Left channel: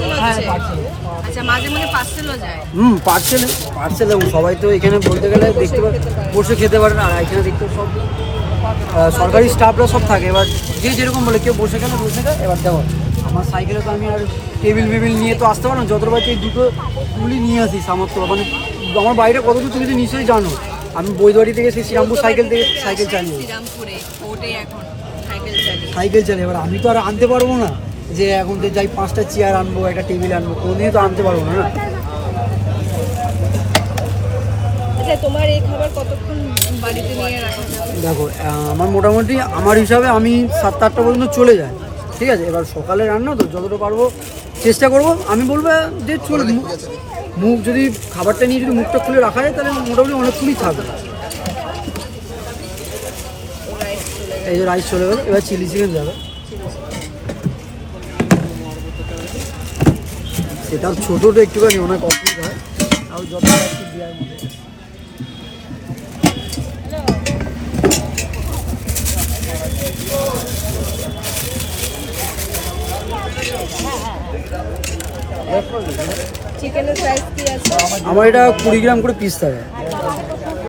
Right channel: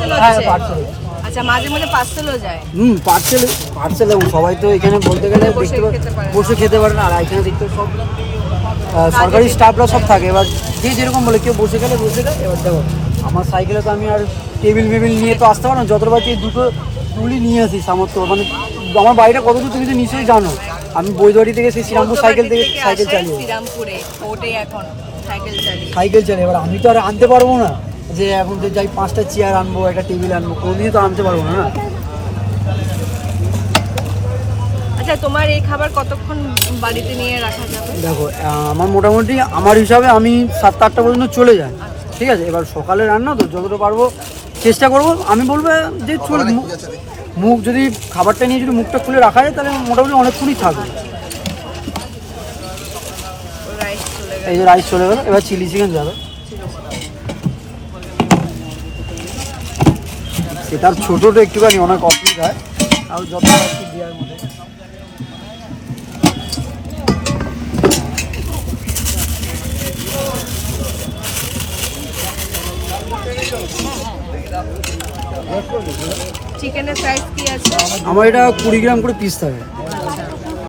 Parcel হ্যাঁ হচ্ছে? Parcel. আচ্ছা, মাঝে মাঝে পার্সেলও যায়? পার্সেল পার্সেল সবাই তো এখানে বলতে গেলে বসে দেখতে খেতে পারে না। বসে খেতে পারে না, আর এখানে দেখতে সব সরকারি স্টাফরা সব থাকে। এবার যে যেরকম বলে, কেউ বসে গেলে বসে দেয়। এবার দেখো আমার সাইকেলে তো আমি আর টেবিল বেবিল নিয়ে তো আসতে পারো না, যত পারছি দুটো টুলই নিয়ে আসি সামর্থ্য। মানে আমার বাড়িটা কত দূর তুমি তো নিশ্চয়ই জানো। আমি বৈদবাড়ি থেকে সেই শ্রীরামপুর সাইকেল চালিয়ে শ্রীরামপুরে ওটাই এখন সাইকেল চালিয়ে। এবার আমি তো আর আনতে পারবো না যে এখন যে যাই 5টা চেয়ার আনবো, একটা টেবিল আনবো, কোনোদিনই তো আনতে পারবো না। আচ্ছা, তোমার এই খাবার কতক্ষণ বাড়িতে নিয়ে রাখা যাবে? দেখো আমার মোটামুটি আমার হিসাবে আমি 7-8টা পর্যন্ত চলে যায়, ঠিক আছে। এবার সকালে রান্না তো যতটা পারবো চেষ্টা করবো। আমি বলবো যে চল মুখ যদি খাবারটা নিয়ে যদি মুখটা খুলে রাখা যায় তাহলে মোটামুটি অনেকক্ষণই থাকবে। এই যে রাইস চলে গেল, এবার চিলি চিকেন যাবে। সেটার ছোটো একটুখানি অনেক অসুবিধা হয়, আর যত রাখছি দেওয়ার মধ্যে। চিকেনের সাইজ কি আছে? আমার এটা 20 গ্রাম করে পিস থাকে।